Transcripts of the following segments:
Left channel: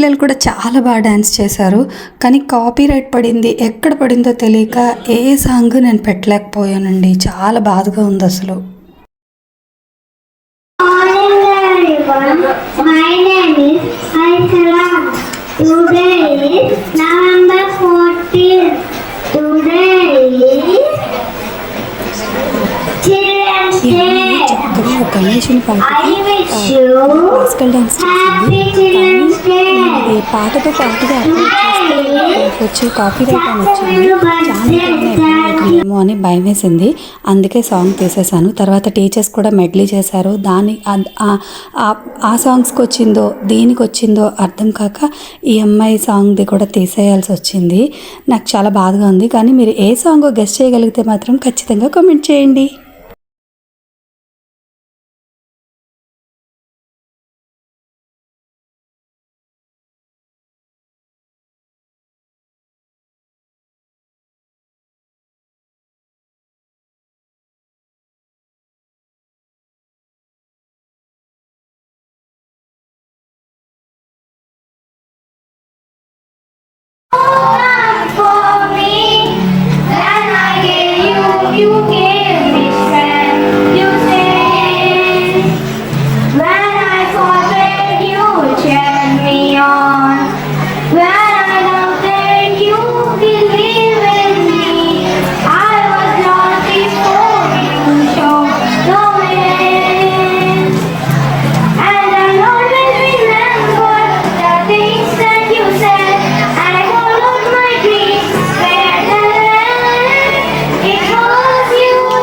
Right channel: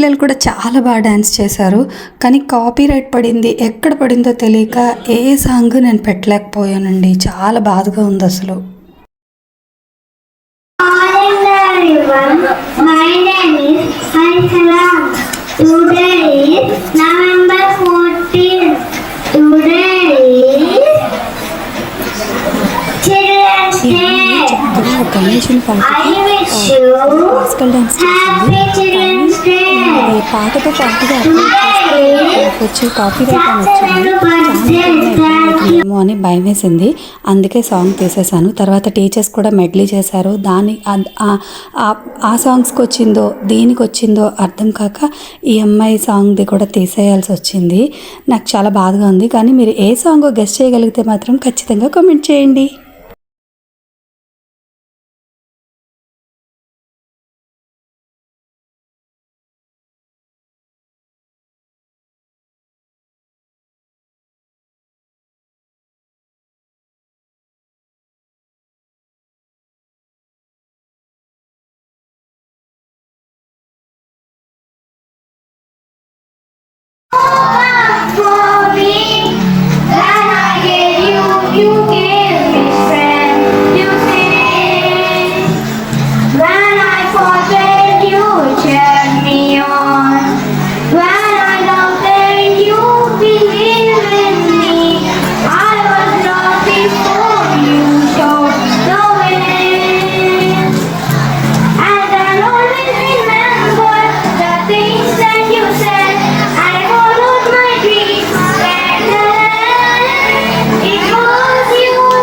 పిల్లలు కూడా చాలా బాగా డ్యాన్స్ చేశారు. కానీ కాపీరైట్ పడింది, ఎక్కడ పడిందో తెలియక ఏ సాంగ్ నేను పెట్టలేకపోయానండి. చాలా బాధగా ఉంది అసలు. చక్కగా గణేషుని పాటకి క్లాసికల్ డాన్స్ చేసింది. కానీ ఇది పాటతో పాటుగా వచ్చి కాపీ రైట్ అని వచ్చింది. ఛానల్ అవుతుందేమో అని భయం వేసింది. అందుకే సాంగ్ తీసేశాను. తర్వాత టీచర్స్ కూడా మెడ్లీ చేశారు. ఆ సాంగ్స్కి వచ్చిందో దేనికి వచ్చిందో అర్థం కాక ఈ అమ్మాయి సాంగ్ది కూడా తీసేయాల్సి వచ్చింది. నాకు చాలా బాధగా ఉంది. కానీ మీరు ఏ సాంగ్ గెస్ట్ చేయగలిగితే మాత్రం ఖచ్చితంగా కామెంట్ చేయండి. It was you.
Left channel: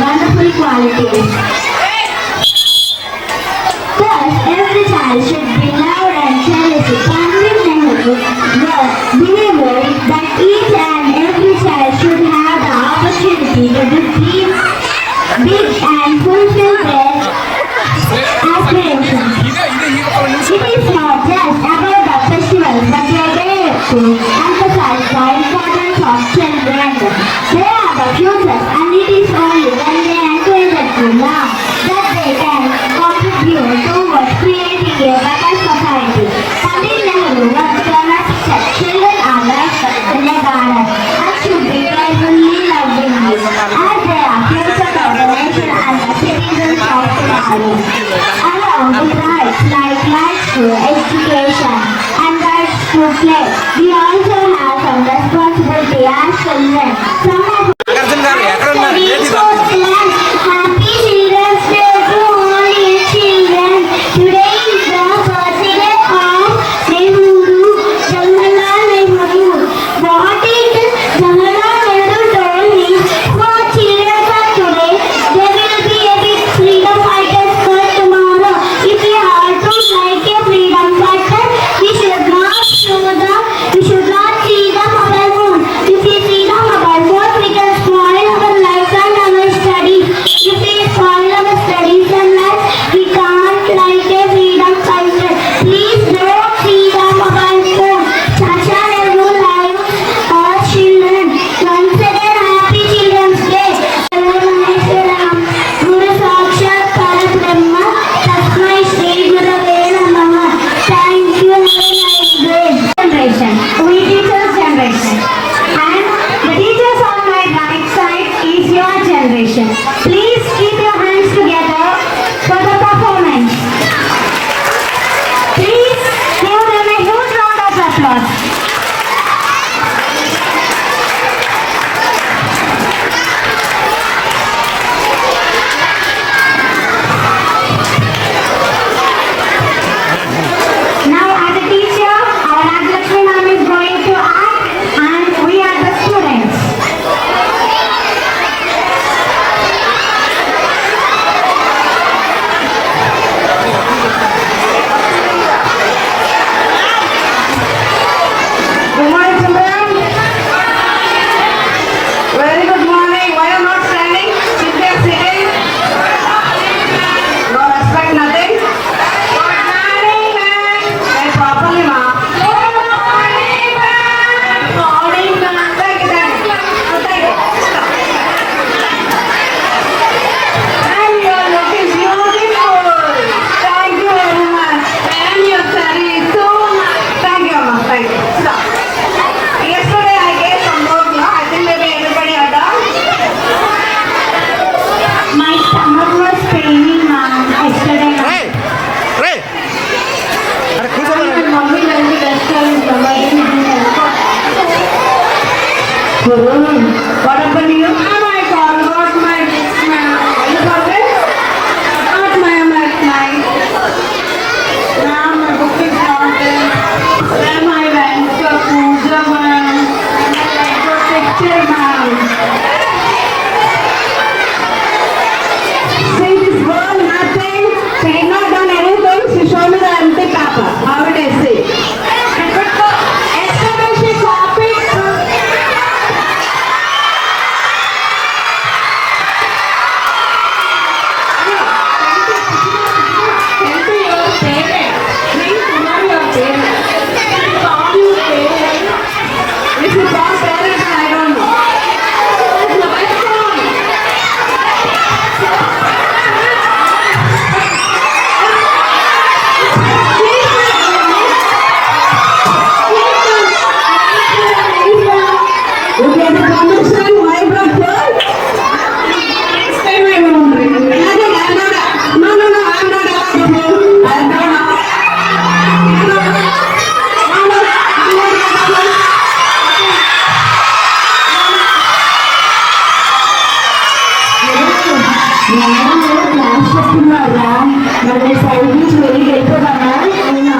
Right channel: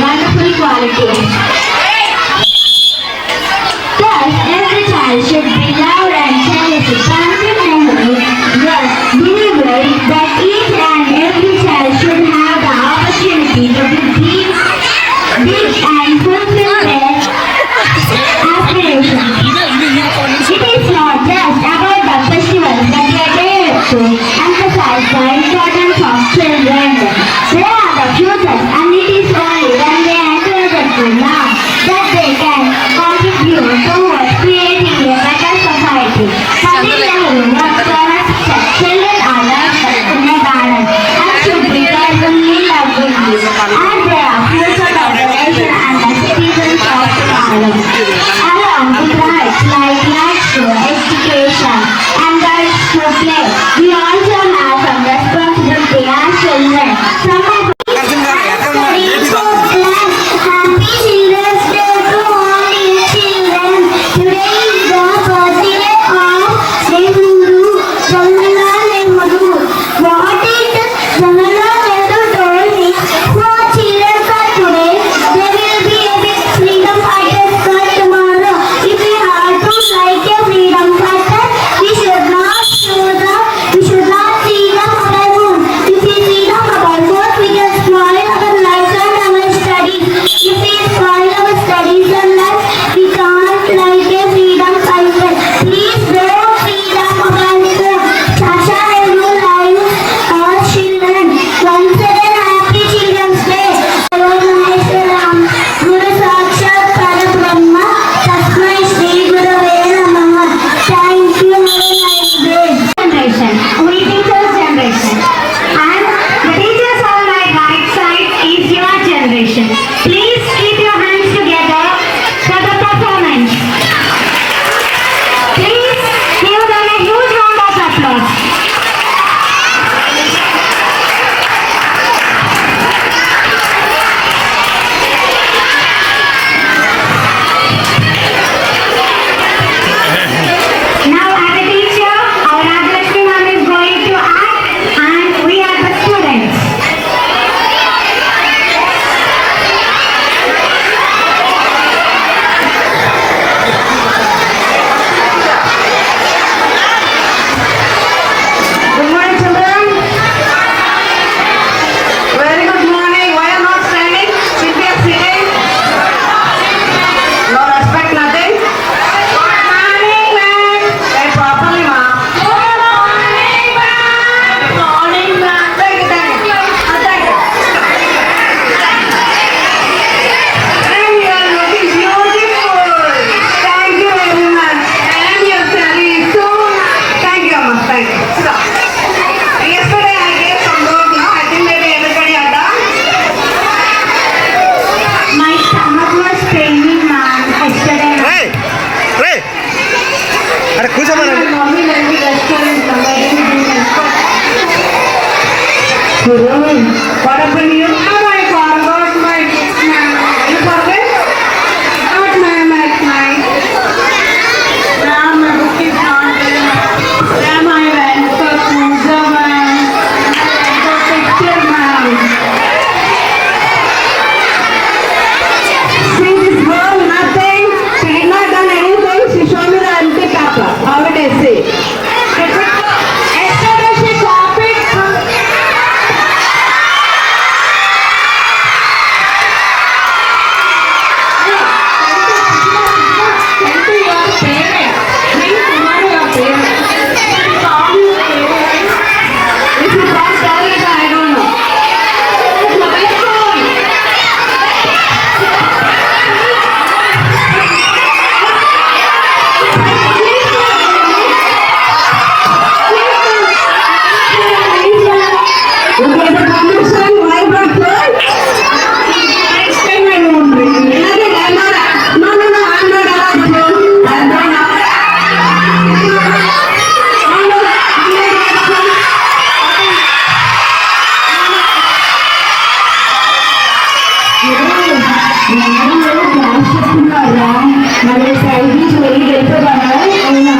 wonderful qualities. Thus, every child should be loved and cherished. Pandit Nehru believed that each and every child should have the opportunity to be dream big and fulfill their aspirations. It is not just about the festivals that we are there to emphasize the importance of children. They are the future, and it is only when they encourage them to learn that they can contribute towards creating a better society. Pandit Nehru was promised that children are like in a garden and should be pleasantly loved in this, as they are future of the nation and the citizens of tomorrow. Along with rights like rights to education and rights to play, we also have some responsibility as children. Some of studies for plans. Happy Children's Day to all your children. Today is the birthday of Nehru, Jawaharlal Nehru. What is Jawaharlal Nehru told me? For children for today, there will be a big freedom fighters for tomorrow. If we are to like a freedom fighter, we should not see the mobile phone. If we see the mobile phone, we can spoil our lives and our studies. If we spoil our studies and lives, we can't like a freedom fighter. Please don't see the mobile phone. Sasha Nehru lives our children. Once again, happy Children's Day. Guru Sakshat Parabrahma Tasmai Shri Gurave Namaha. Thank you. Have a nice day. Generation. We teachers generation. And the teachers on my right side is your generation. Please keep your hands together for the performance. Please give them a huge round of applause. Now as a teacher, our Rajlakshmi ma'am is going to act and we are the students. Good morning, children. Very good morning. Why are not standing? Should we are sitting? No respect, nothing. Good morning, ma'am. Say properly, ma'am. Good morning, ma'am. Good morning, ma'am. Thank you. Thank you. And you are looking beautiful. Thank you very much. And your saree is so nice. Thank you, ma'am. Thank you. Stop. Yesterday I gave some notes, no? I think maybe everybody are done. My stomach was paining, ma'am. Yesterday. రే అరే కూర్చోమని Mommy when we lecture in somebody what happened here? Oh, I forgot my gift, ma'am. You forget? Not ma'am, at night. Ma'am, my book is not there. Ma'am, I went for puja, ma'am. I went for picture, ma'am. See this girl, nothing. She did not done anything. She showed me the empty paper. How it is, see? Yesterday she copied. Tell to your parents. Please tell your parents. Call your parents. If you can't tell it, I don't know. Mobile phone. Okay, the permission, my brother. Next time I won't bring it. I'm not. No, I'm not allowed to go. I'm not. Class చెప్తున్నారా మరి science వెళ్ళి వెళ్ళిపోతారా అవునా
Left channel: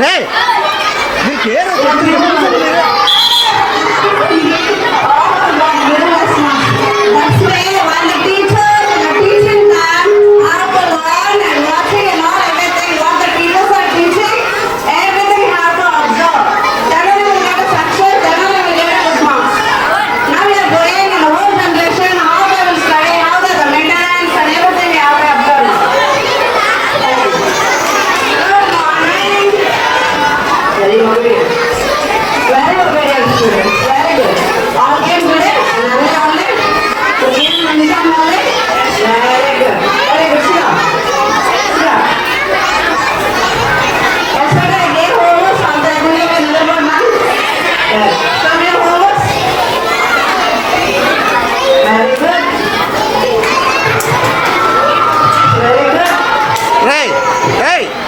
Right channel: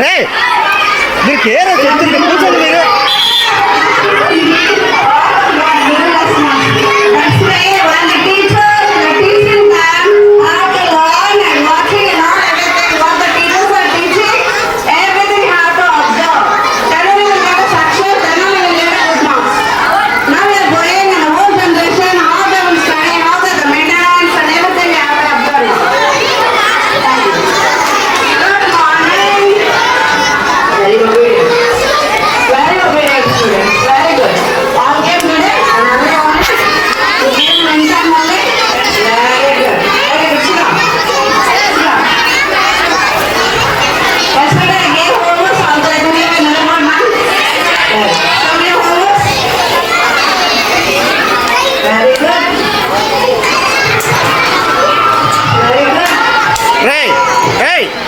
రే మీరు care చెప్తుంది కూర్చోండి మీరు. Ray! Hey!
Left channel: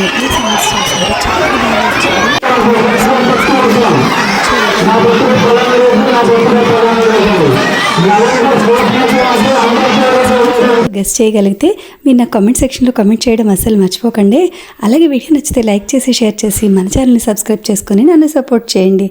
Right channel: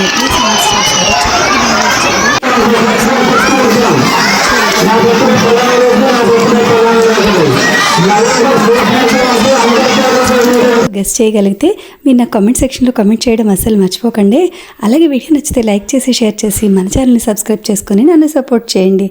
Medley songs చేశారు, చాలా బాగా వచ్చారు. గెస్ట్ చేయగలిగితే మీరు నా కామెంట్ సెక్షన్లో కామెంట్ చేయడం అస్సలు మర్చిపోకండి. అలాగే వీడియో నచ్చితే లైక్ చేసి షేర్ చేసి మన ఛానల్ని సబ్స్క్రైబ్ చేసుకొని నన్ను సపోర్ట్ చేయండి.